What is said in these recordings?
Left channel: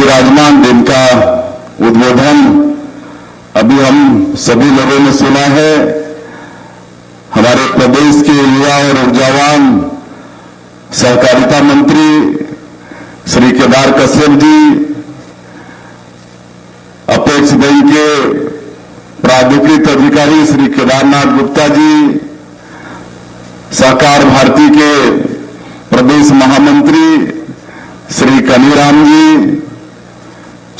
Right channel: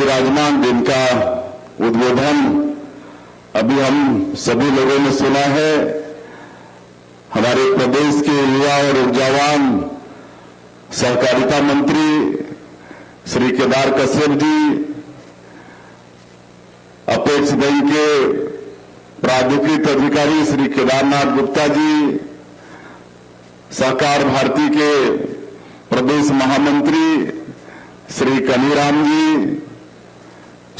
विराजमान जिनका उद्बोधन अभी हम सभी लोगों ने सुना है, हमारे प्रदेश के युवा और ऊर्जावान सहकारिता मंत्री श्री केदार कश्यप जी, अपेक्स बैंक के प्राधिकृत अधिकारी श्री केदारनाथ गुप्ता जी, सहकार भारती के प्रदेश महामंत्री श्री कनीराम जी,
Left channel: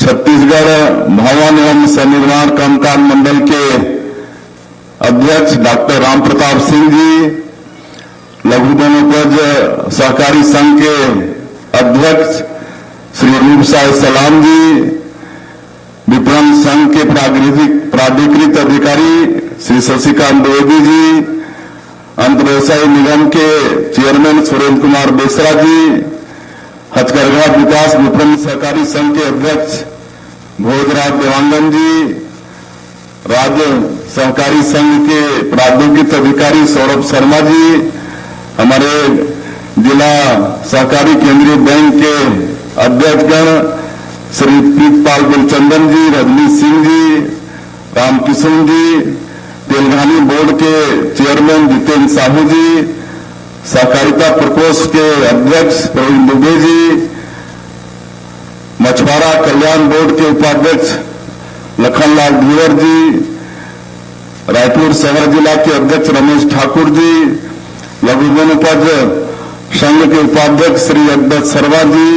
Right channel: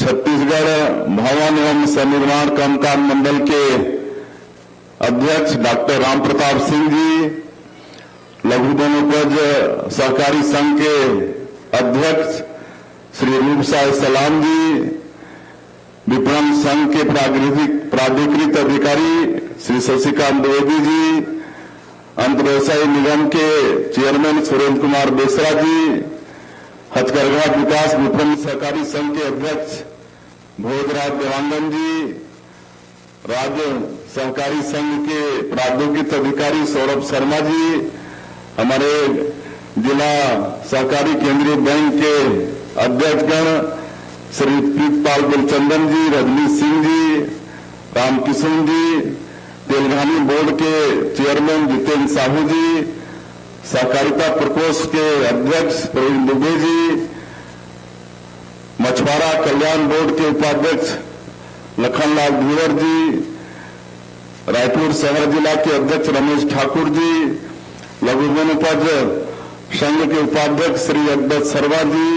छत्तीसगढ़ भवन एवं सनिर्माण कामकाज मंडल के अध्यक्ष डॉक्टर राम प्रताप सिंह जी, लघु वनोपज सहकारी संघ के अध्यक्ष श्री रूपसाय सलाम जी, विपणन संघ के प्राधिकृत अधिकारी श्री शशिकांत द्विवेदी जी, अंतर्व्यवसायी निगम के चेयरमैन सुरेंद्र कुमार बेसरा जी, हथकरघा विकास विपणन सहकारी संघ के अध्यक्ष भोजराज देवांगन जी, राज्य सहकारी संघ के प्राधिकृत अधिकारी सौरभ शर्मा जी, हमारे जिला सहकारी केंद्रीय बैंक के अध्यक्षगण श्री प्रीतपाल गुलचंदन जी, रजनीश सिंह जी, रामकिशन जी, तेलंगानी बोर्ड के चेयरमैन जितेंद्र साहू जी, सहकारिता प्रकोष्ठ के अध्यक्ष प्रवीण दुबे जी, मछुआरा कल्याण बोर्ड के उपाध्यक्ष लखनलाल धीवर जी, रायपुर शहर जिला के अध्यक्ष रमेश ठाकुर जी, लघु वनोपज संघ के उपाध्यक्ष श्री अकबर सरवा जी,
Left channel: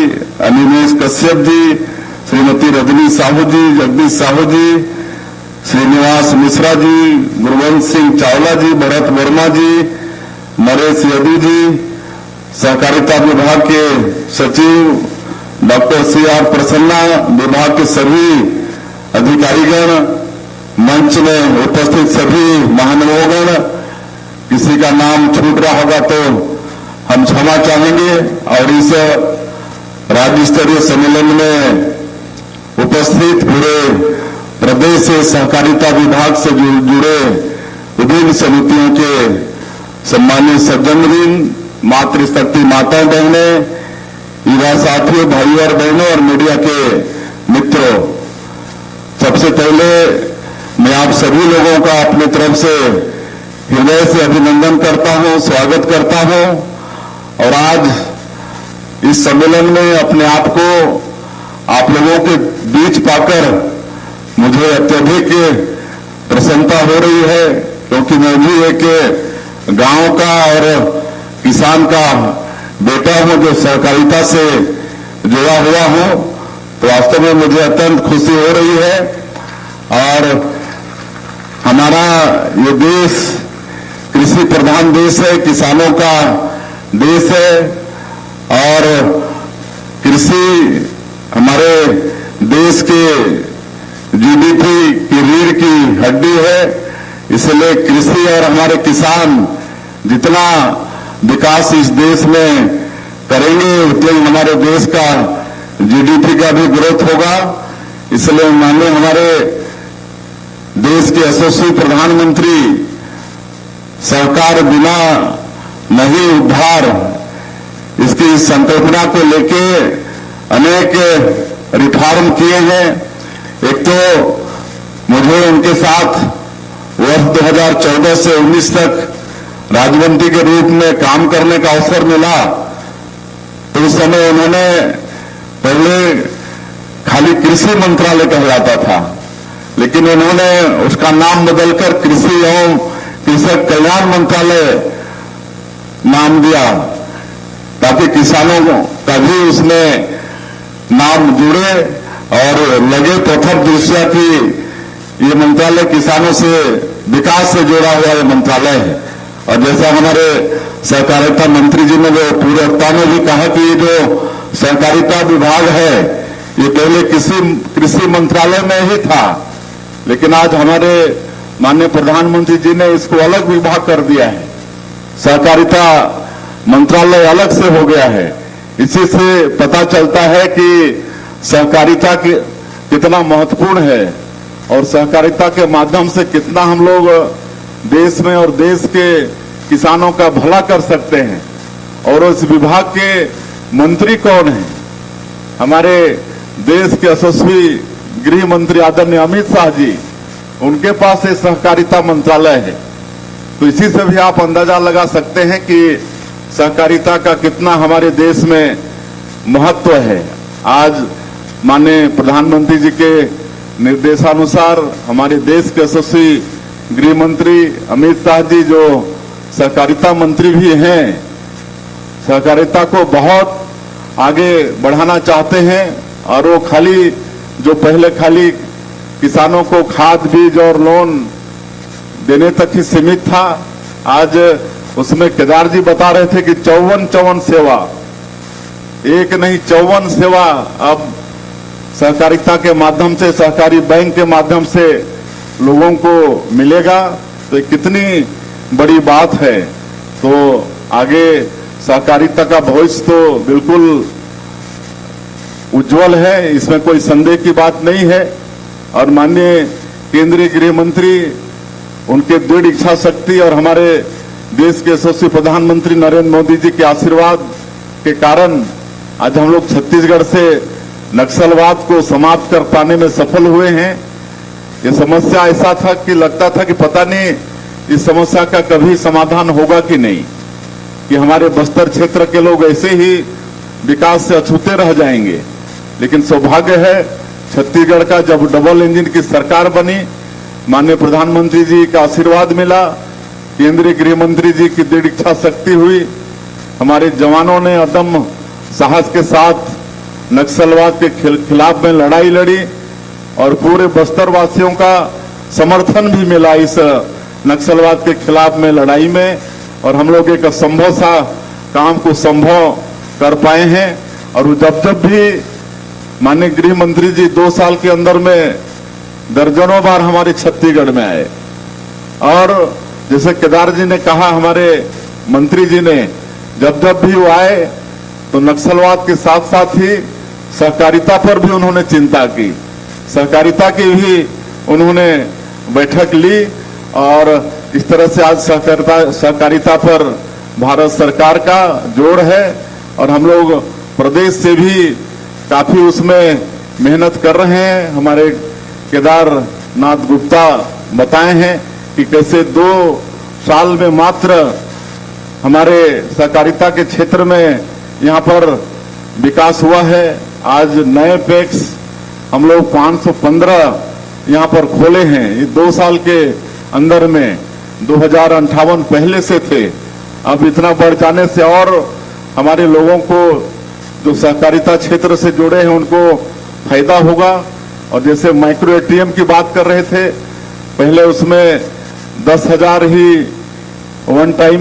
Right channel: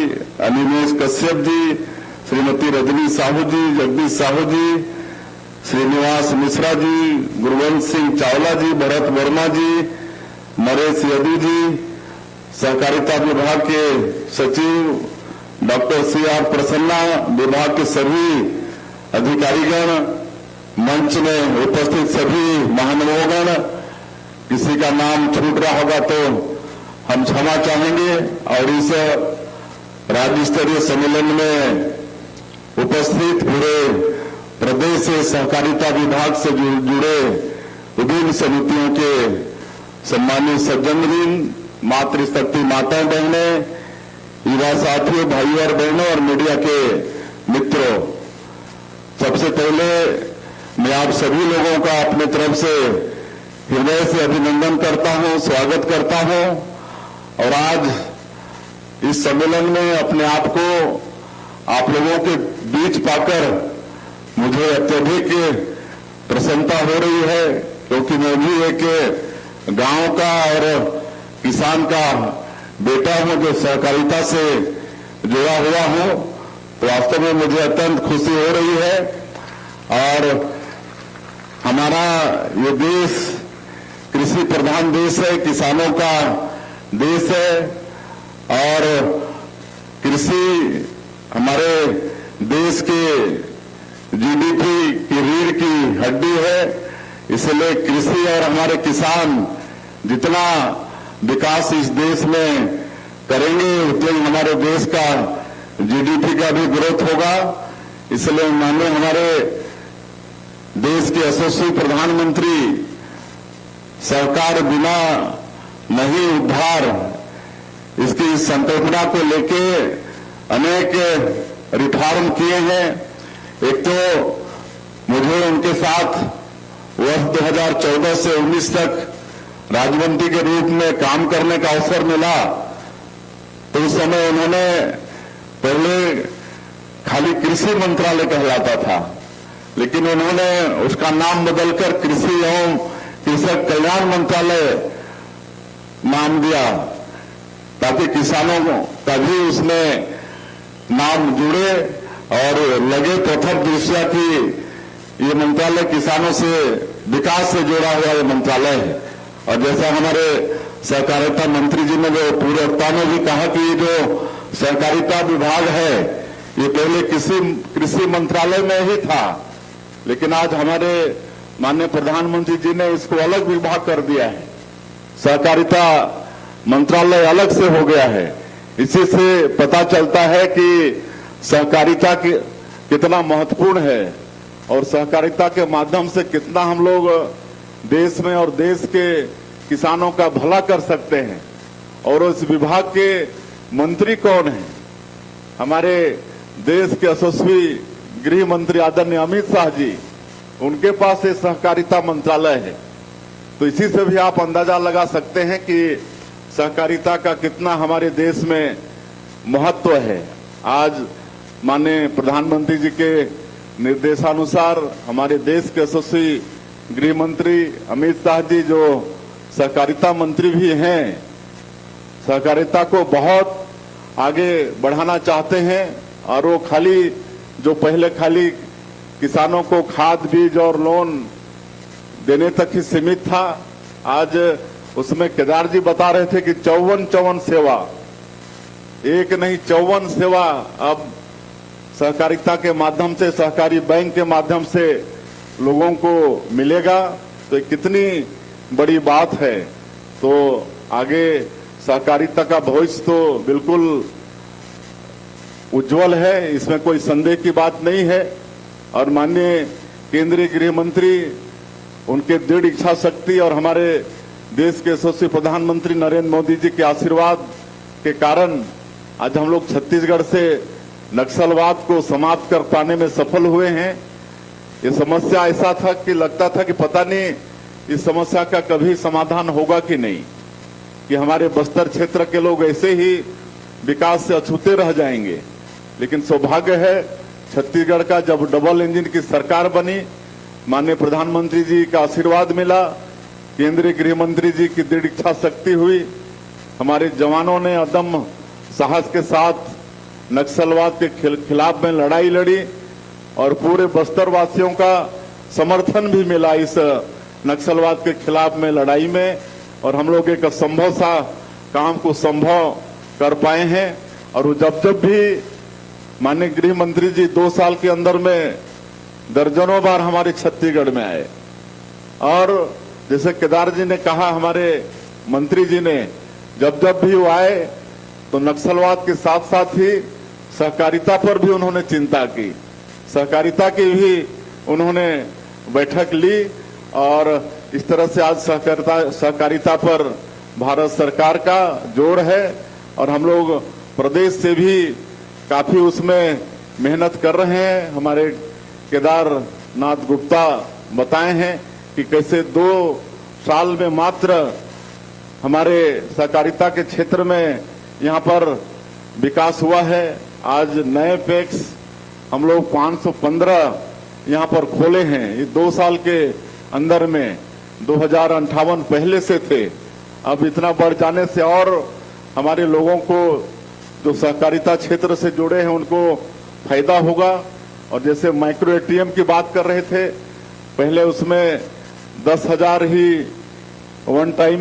अनिमेश कश्यप जी, श्रीमती रजनी साहू जी, जगदीश साहू जी, श्रीनिवास मिश्रा जी, गुरवंश सिंह चावला जी, भरत वर्मा जी, नरेश यदू जी, सहकारिता विभाग के सचिव डॉक्टर सी.आर. प्रसन्ना, विभाग के सभी अधिकारीगण, मंच में उपस्थित सभी महानुभावगण, किसी का नाम छूट रहा होगा तो हम क्षमा चाहेंगे। और इस राज्य स्तरीय सम्मेलन में उपस्थित पूरे प्रदेश से सहकारिता विभाग से जुड़े विभिन्न समितियों के सम्मानित सज्जनवृंद, मातृशक्ति माता बहनें, युवा साथियों, भाइयों और बहनों और मीडिया के मित्रों, सबसे पहले मैं आप सभी लोगों का अपनी तरफ से हृदय से अभिनंदन करता हूं, स्वागत करता हूं। और आज इस सम्मेलन में अपने आप को आप लोगों के बीच पाकर मुझे अत्यधिक प्रसन्नता हो रही है, क्योंकि मैं भी एक गांव का और किसान का बेटा हूं जो सहकारिता से जुड़ा हुआ हूं। तो वास्तव में मुझे अत्यंत खुशी हो रही है। और हमारा ये देश कृषि प्रधान देश है, किसानों का देश है, और कृषि हमारे देश के जीडीपी की रीढ़ की हड्डी है। इसलिए कृषि और हमारे किसान जितना विकास इस देश में करेंगे उतने हमारे देश का जीडीपी का भी ग्रोथ होगा। इसलिए माननीय हमारे देश के यशस्वी प्रधानमंत्री सहकार बिना नहीं उद्धार, इसकी संकल्पना को लेके अनेक रिफॉर्म किए हैं। एक तो मुझे उनके साथ वर्ष 2014 से 19 तक राज्यमंत्री के रूप में काम करने का अवसर मिला। तो उस समय उन्होंने पहले खाली कृषि मंत्रालय कहलाता था, लेकिन उन्होंने उसका नाम बदलकर कृषि एवं कृषक कल्याण मंत्रालय नाम दिया, ताकि किसानों का भी उसमें नाम जुड़े और लगे प्रथम दृष्टया कि ये मंत्रालय किसानों से विकास से जुड़ा हुआ ये मंत्रालय है। और जैसा हमारे सहकारिता मंत्री जी ने जो पूर्वता में भी कहा कि ये जो सहकारिता विभाग है ये पहले कृषि मंत्रालय में ही था, लेकिन आज हमारे माननीय प्रधानमंत्री जी ने इसको अलग विभाग कर दिया है, सहकारिता मंत्रालय अलग से हो गया है। इसी से पता चलता है कि सहकारिता कितना महत्वपूर्ण है और सहकारिता के माध्यम से कितना हम लोग देश में और देश के किसानों का भला कर सकते हैं। और उस विभाग के मंत्री कौन है? हमारे देश के यशस्वी गृह मंत्री आदरणीय अमित शाह जी, उनके पास ये सहकारिता मंत्रालय है। तो इसी से भी आप अंदाजा लगा सकते हैं कि सहकारिता का कितना हमारे देश में महत्व है। आज माननीय प्रधानमंत्री जी के निर्देशानुसार हमारे देश के यशस्वी गृह मंत्री अमित शाह जी, जो सहकारिता मंत्री भी हैं, सहकारिता को बहुत आगे बढ़ाना चाहते हैं। और वो पहले खाली किसानों को खाद बीज और लोन देने तक ही सीमित था, आज उसमें केदार जी बता रहे थे कि 54 सेवा, एक नहीं 54 सेवा अब सहकारिता के माध्यम से, सहकारी बैंक के माध्यम से लोगों को मिलेगा। तो कितनी बड़ी बात है। तो आगे सहकारिता का भविष्य तो बिल्कुल उज्जवल है, इसमें कोई संदेह की बात नहीं है। और माननीय केंद्रीय गृह मंत्री, उनके दृढ़ इच्छा शक्ति और हमारे देश के यशस्वी प्रधानमंत्री नरेंद्र मोदी जी के आशीर्वाद के कारण आज हम लोग छत्तीसगढ़ से नक्सलवाद को समाप्त कर पाने में सफल हुए हैं। ये समस्या ऐसा था कि लगता था कि पता नहीं इस समस्या का कभी समाधान होगा कि नहीं, कि हमारे बस्तर क्षेत्र के लोग ऐसे ही विकास से अछूते रह जाएंगे। लेकिन सौभाग्य है छत्तीसगढ़ का, जब डबल इंजन की सरकार बनी, माननीय प्रधानमंत्री जी का आशीर्वाद मिला, केंद्रीय गृह मंत्री जी की दृढ़ इच्छा शक्ति हुई, हमारे जवानों ने अदम्य साहस के साथ नक्सलवाद के खिलाफ में लड़ाई लड़ी और पूरे बस्तर वासियों का समर्थन भी मिला इस नक्सलवाद के खिलाफ में लड़ाई में। और हम लोग एक असंभव सा काम को संभव कर पाए हैं। और जब भी माननीय गृह मंत्री जी 2 साल के अंदर में दर्जनों बार हमारे छत्तीसगढ़ में आए, और जैसे केदार जी ने कहा, हमारे मंत्री जी ने जब भी वो आए तो नक्सलवाद के साथ साथ ही सहकारिता पर भी उन्होंने चिंता की, सहकारिता की भी उन्होंने बैठक ली। और इस तरह से आज सहकारिता पर भारत सरकार का जोर है और हम लोग प्रदेश से भी काफी उसमें मेहनत कर रहे हैं। हमारे केदारनाथ गुप्ता बताए हैं कि कैसे 2 साल में मात्र हमारे सहकारिता के क्षेत्र में यहाँ पर विकास हुआ है। आज नए पैक्स हम लोग 515 यहाँ पर खोले हैं। ये 2 साल के अंदर में 2058 पहले से थे, अब इतना बढ़ जाने से और हमारे लोगों को जो सहकारिता क्षेत्र से जुड़े हैं उनको फायदा होगा। और जैसे माइक्रो एटीएम की बात कर रहे थे, पहले उसमें 10,000 ही वन टाइम